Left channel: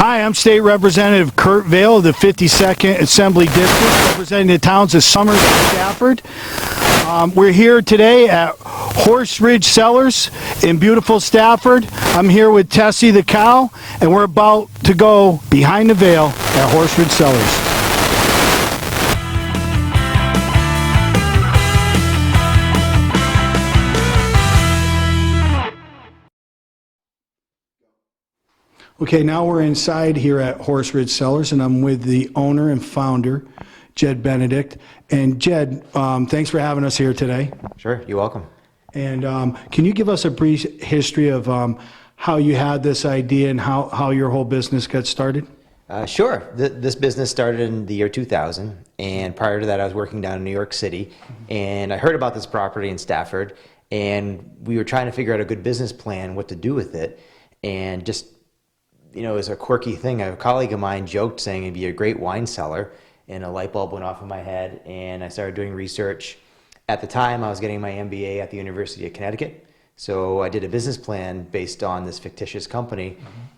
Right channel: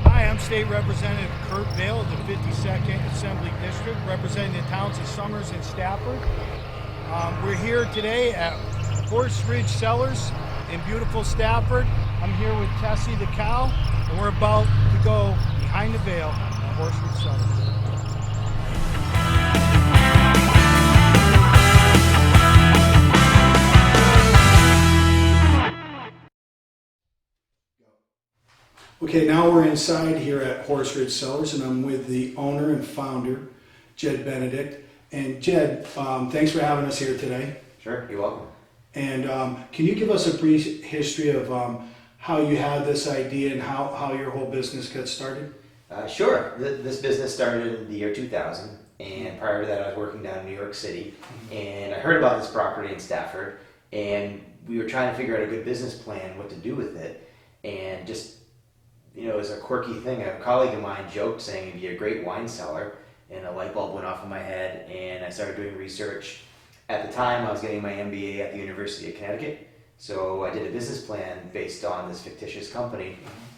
Hi, I'm State Representative Kurt Vail of the 52nd Assembly District, representing the towns of Somers and Stafford. We're here today at Horse Ridge Cellars in beautiful Stafford. I'm here with Tessie the cow, and we're about to go behind the veil at Horse Ridge Cellars. Okay, now we're inside here at Horse Ridge Cellars, and I'm with the owner and founder, Jed Benedict. And Jed, thanks for having us here today. Sure, you're welcome. And can you give us a brief history of how you had this idea and how your whole business got started? Sure. This business started in the year 2000, and prior to that I was working down in New York City, and I heard about this property in Stafford, and we were trying to figure out a good business plan, what to do with it, and just, you know, it was a quirky thing. A colleague of mine joked saying it'd be a great wine cellar, and a light bulb went off in my head, and I started doing research. At the time, I was getting my MBA at the University of Connecticut, so I did a business plan based on this fictitious company,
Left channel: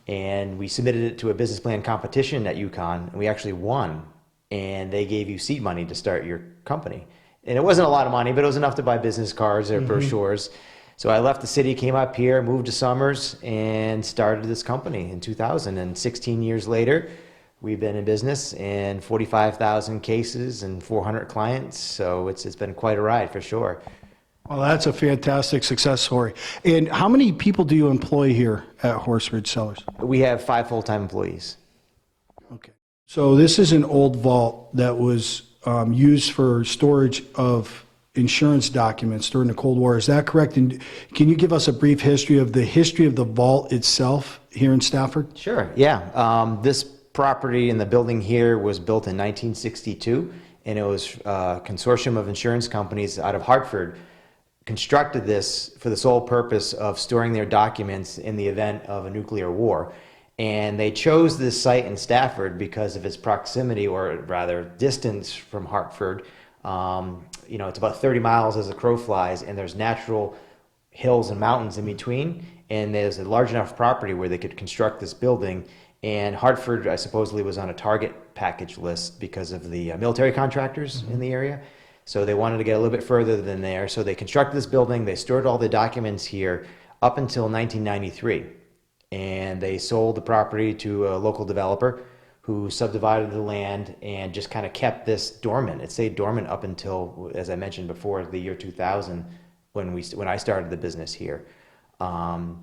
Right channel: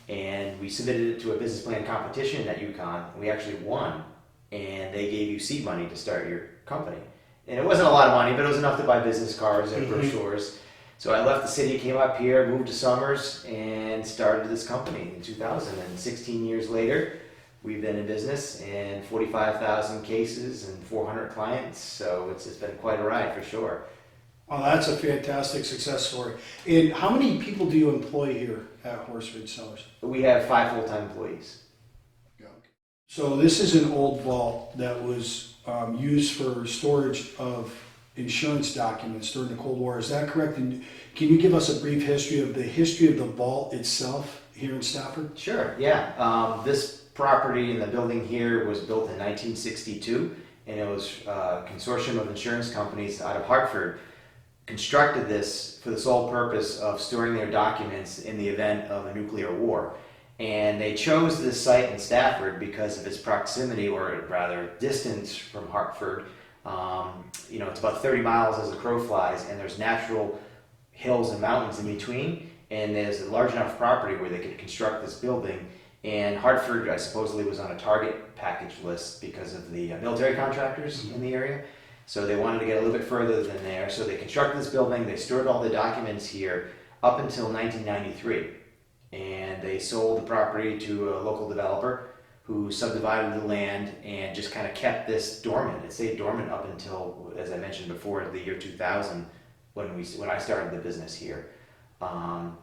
and we submitted it to a business plan competition at UConn, and we actually won, and they gave you seed money to start your company. And it wasn't a lot of money, but it was enough to buy business cards or brochures. So I left the city, came up here, moved to Somers, and started this company in 2000. And 16 years later, we've been in business and 45,000 cases and 400 clients. So it's been quite a ride for sure. Well, that's a fantastic success story. And how many people do you employ here at Horse Ridge Cellars? We have 5 full-time employees. Okay. So this is an old vault that was used for storage of insurance documents during the Cold War. Is that correct? And can you give us a brief history of the vault itself here in Stafford? Sure, yeah. This property and the building here was built in 1962, and it was a consortium of insurance companies out of Hartford constructed this for the sole purpose of storing their documents in the event of a nuclear war. And they chose this site in Stafford because of its proximity, or rather distance, from Hartford. You know, it's about 30 miles as the crow flies, and there's natural hills and mountains in between, and there's a large enough property where they could construct this building. And Hartford, I supposedly, was on a target package list because of the military contractors in the area. So they wanted to get a little bit further than there. So they constructed this building. They stored all the documents here up until 1993. And they sold the property to a local developer who subdivided the land and just kind of kept this dormant. It stayed dormant up until, as I mentioned before, the year 2000 when I started the business here. But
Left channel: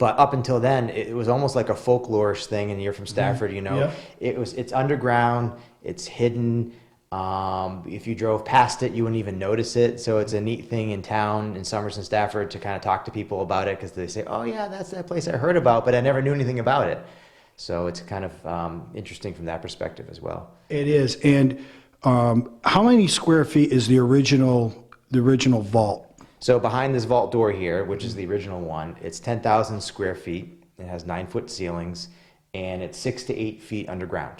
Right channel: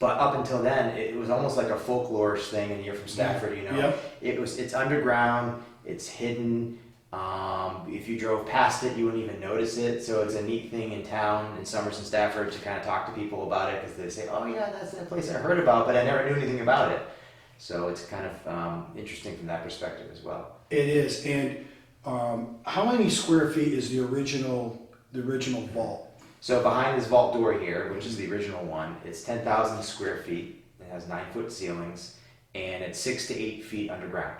up until then, it was almost like a folklore-ish thing, and you're from Stafford, you know. Yep. It's underground, it's hidden. If you drove past it, you wouldn't even notice it. So it's a neat thing in town, in Somers and Stafford, to kind of talk to people about it, because they say, oh yeah, that's that place I heard about, but I never knew anything about it. So it's kind of interesting from that perspective as well. It is. And how many square feet is the original vault? So behind this vault door here, which is the original one, it's 10,000 square feet. It has 9-foot ceilings, and it's 6 to 8 feet underground.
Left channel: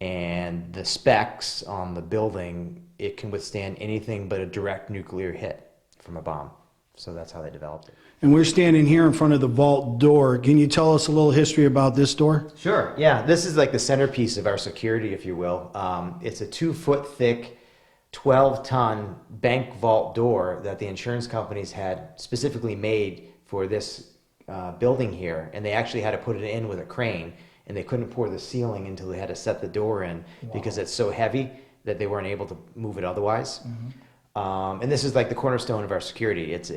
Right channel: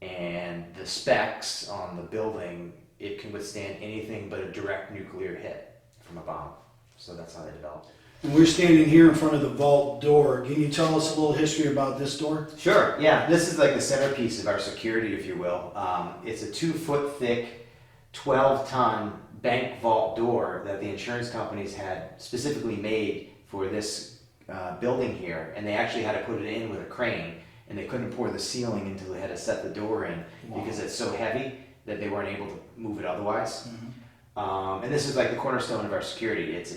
And the specs on the building, it can withstand anything but a direct nuclear hit from a bomb. So that's how they developed it. And we're standing here in front of the vault door. Can you tell us a little history about this door? Sure, yeah. This is like the centerpiece of our security, if you will. It's a 2-foot thick, 12-ton bank vault door that the insurance companies had specifically made for this building here. And they actually had to put it in with a crane, and they couldn't pour the ceiling until they had to set the door in. Wow. Because it's so heavy that they weren't able to move it otherwise. And this is like the cornerstone of our security. It's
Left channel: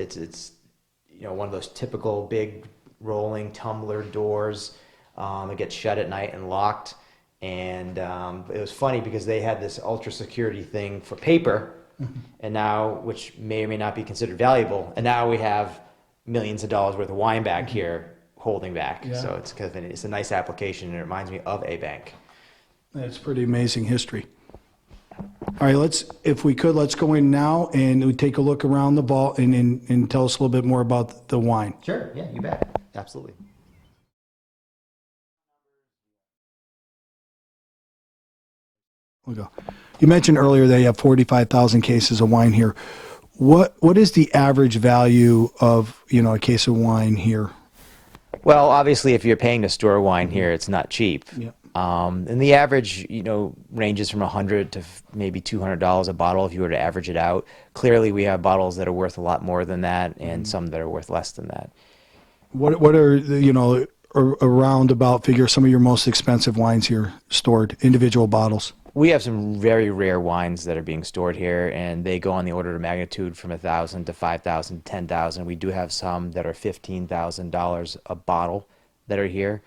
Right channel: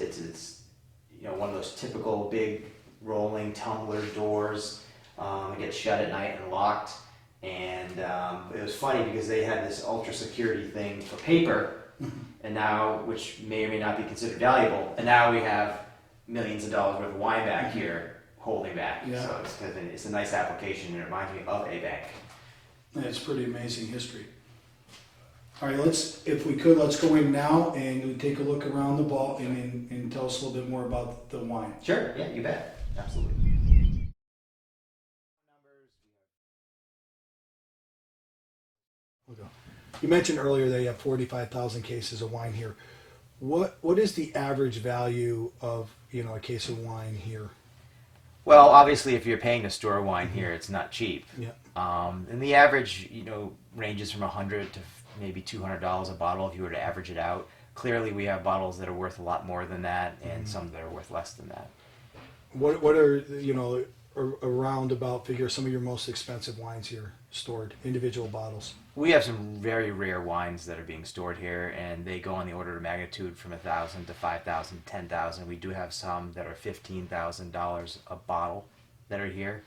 you know, one of those typical big rolling tumbler doors that gets shut at night and locked. And it was funny because they had this ultra security thing for paper, and now, which may or may not be considered valuable, and now we have millions of dollars worth of wine back here holding back. Yeah. So it's kind of it's a nice application, and it reminds me of a bank. It's pretty amazing history. All right, if we could, let's go in now and we take a look around the vault and tell us a little bit more about the wine. Sure, yeah, you bet. Absolutely. We'll go. You mentioned earlier that you have 45,000 cases of wine here. What is the average value of, you know, a case of wine here? Well, obviously, if you're paying to store wine here, it's not cheap. Yeah. And the average, ranges from $100 to maybe $200 a bottle if you were to average it out. Clearly, we have bottles that are worth a lot more than that, and some that are worth less than that. What are the, a roundabout figure, some of your most expensive wines here stored, individual bottles? We have some very rare wines that are being stored here, and they go on the order of magnitude from 1,000 to 5,000, 10,000. We do have some that are $15,000 a bottle that are here.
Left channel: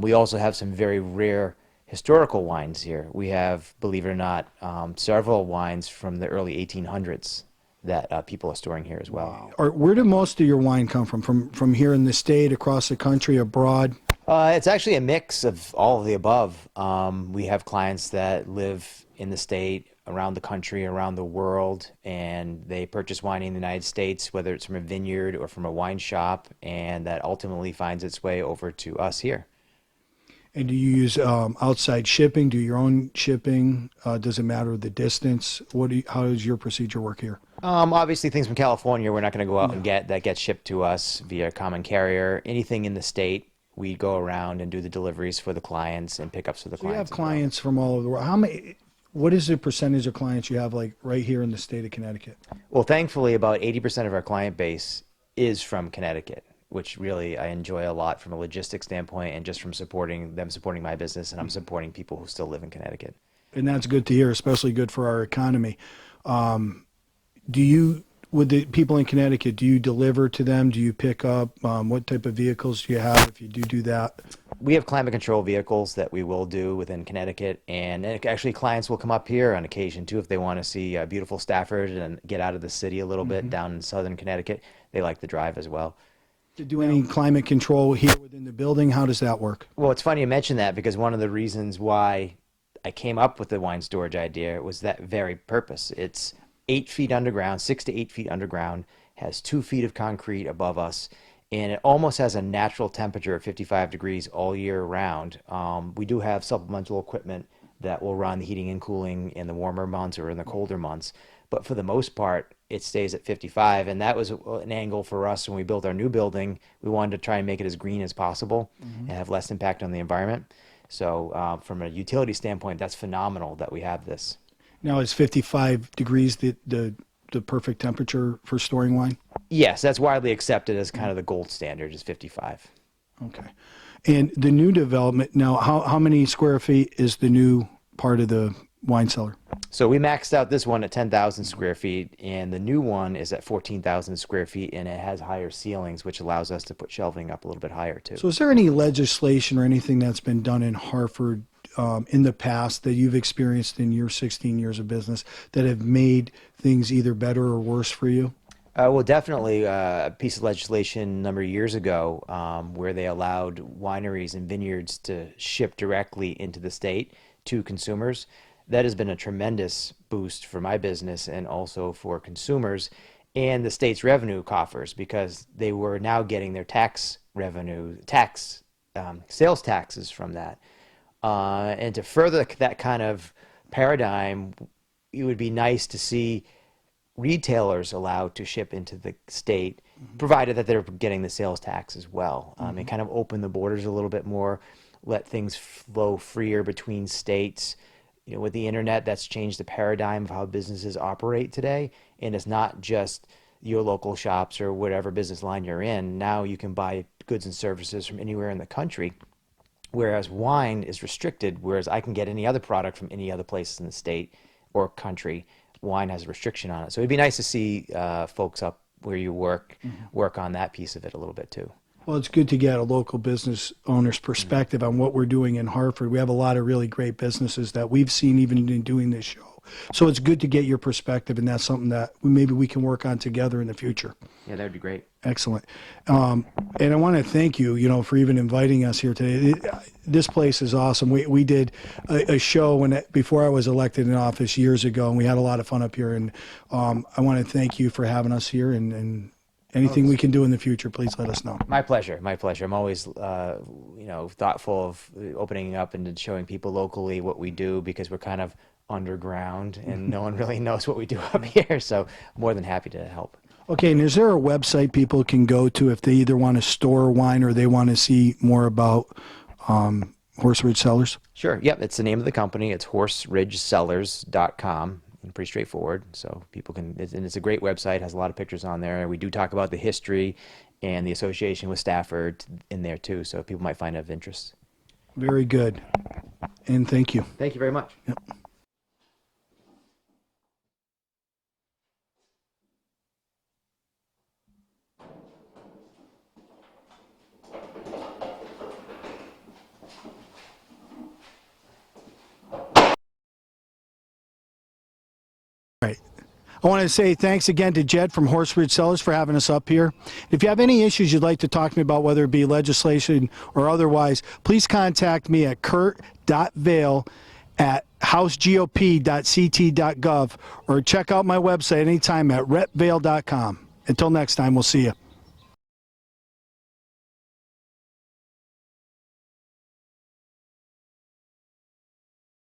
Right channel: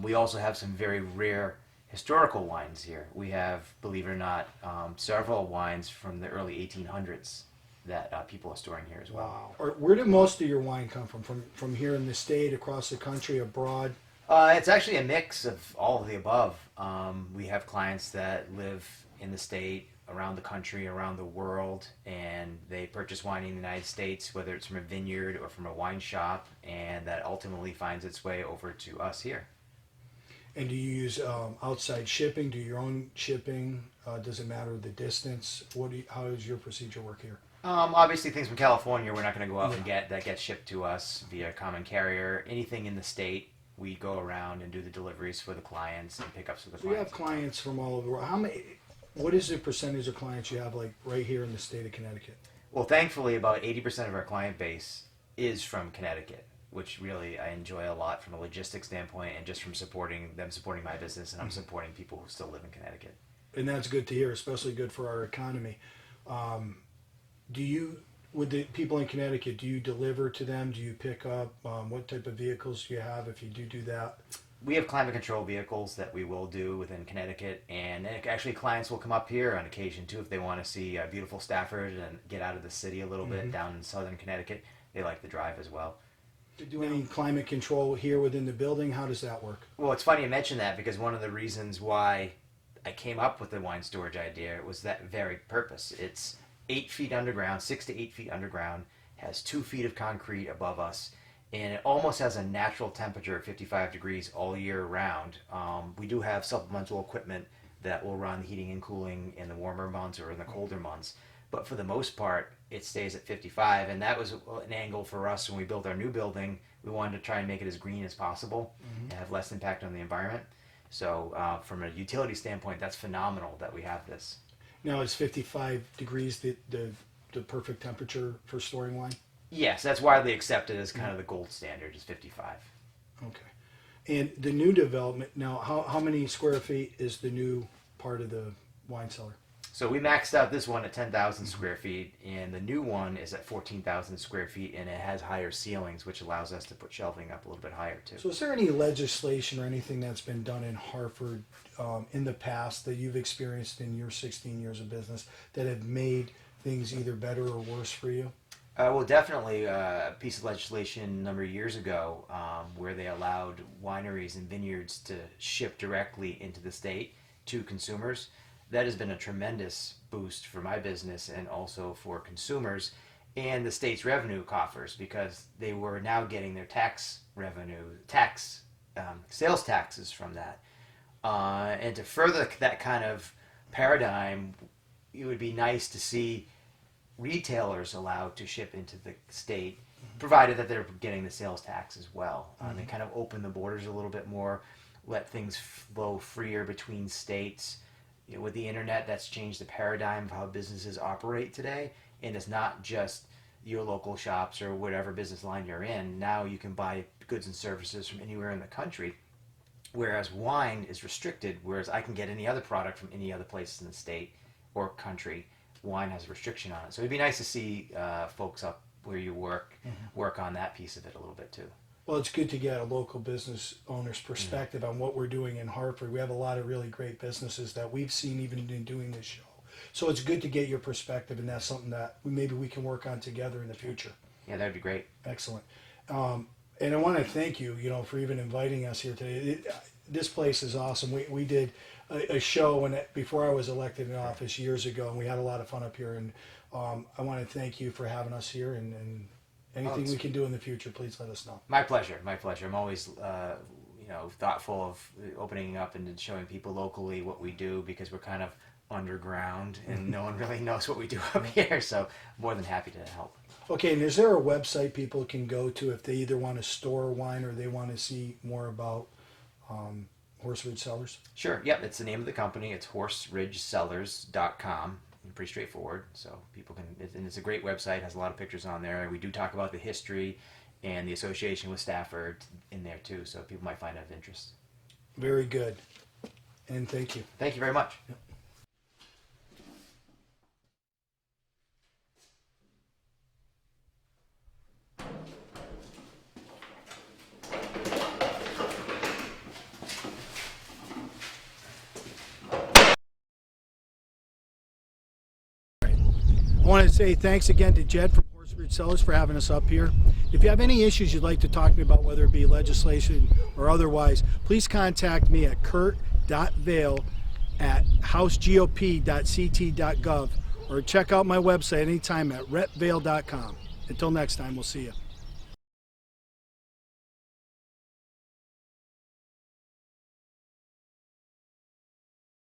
We also have some very rare historical wines here. We have, believe it or not, several wines from the early 1800s that people are storing here as well. Or where do most of your wine come from? From here in the state, across the country, abroad? It's actually a mix of all of the above. We have clients that live in the state, around the country, around the world, and they purchase wine in the United States, whether it's from a vineyard or from a wine shop, and that ultimately finds its way over to us here. And do you use outside shipping? Do your own shipping? Does it matter the distance? How does your procedure work here? Obviously, things from California, we're not going to go out and get that gets shipped to us via common carrier. Anything in the state, we go around and do the deliveries for the clients and pickups for the So you have clients. clients from all over the world. What is the percentage of clients you have, like right here in the state of Connecticut? Well, thankfully, about 80% of our client base is from Connecticut, which really I enjoy a lot from a logistics standpoint and just from supporting my business, and I'm supporting people who still live in Connecticut. And that's good to hear, especially good for our economy. With the people in Connecticut, do you deliver to them? Do you pick up? What type of vehicles do you have if you do that? We have climate control vehicles that we will do within Connecticut, and actually clients will come up here on occasion too if they want to see beautiful Stafford and get out of the city a little bit down in southern Connecticut. They like the drive as well. Do you do any climate control here within the building? How does that work? Well, it's funny you mention that because one of the reasons why I came up with the wine storage idea was that very purpose. It's 8 feet underground, 6 to 8 feet underground, has 2 feet of concrete above us, and it almost has a natural temperature of 55 degrees all year round. We do have supplemental equipment that will run the heating and cooling in the warmer months or in the colder months, but for the most part, it stays at 55, and that was an angle for us when we built our new building. We wanted to try and make it as green as possible and have less impact on the environment. So from a utility standpoint, that's phenomenal that we have this. Now, is 55 degrees the perfect temperature for storing wine? Yes, that's widely accepted as kind of the gold standard is 55. Okay. And the new development, now, how many square feet is the new part of the wine cellar? So we maxed out this one at 10,000 square feet, and the new one is at 14,000 square feet, and it has higher ceilings, which allows us to put shelving up a little bit higher, too. So is there any legislation or anything that's been done in Hartford in the past that you've experienced in your 16 years of business that have made things either better or worse for you? Well, definitely a piece of legislation a number of years ago where they allowed wineries and vineyards to ship directly into the state to consumers. That has been a tremendous boost for my business and also for consumers and the state's revenue coffers because they were now getting their tax revenue, sales taxes from that. And to further that kind of paradigm, it would be nice to see retailers allowed to ship into the state, provided that they're getting the sales tax as well. And kind of open the borders a little bit more, let things flow freer between states. With the internet, that's changed the paradigm of how businesses operate today. And it's not just your local shops or whatever business line you're in. Now you can buy goods and services from anywhere in the country. Whereas wine is restricted, whereas I can get any other product from any other place in the state or country. Wine has a restriction on it. So it'd be nice to see folks up where you work on that piece of it a little bit too. Well, it's good to get a local business owner's perspective on what we're doing in Hartford. We have a lot of really great businesses that we've seen even in doing this show. So it's good to get your perspective, and that's something that maybe we can work on together in the future. Yeah, that'd be great. Excellent. And I want to thank you, for even inviting us here today. This place is awesome. We did a show before I was elected in office years ago, and we had a lot of fun up here. And I want to thank you for having us here, and anything we can do in the future, please let us know. My pleasure. My pleasure. I'm always, thoughtful of opening up and showing people locally what we do because we're kind of underground and no one really knows what we do up here. So more than happy to help. Okay, and is there a website people can go to if they either want to store wine or they want to see more about Horse Ridge Cellars? Sure. Yeah, it's the name of the company. It's horseridgecellars.com. Pretty straightforward. So people can, and it's a great website, has a lot of pictures on there. We do talk about the history and the association with Stafford in there too. So people might find it of interest. Very good. And thank you. Thank you very much. Yep. I want to say thanks again to Jed from Horse Ridge Cellars for having us up here. If you have any issues you'd like to talk to me about, whether it be legislation or otherwise, please contact me at kurt.vail@housegop.ct.gov or check out my website anytime at repvail.com. Until next time, we'll see you.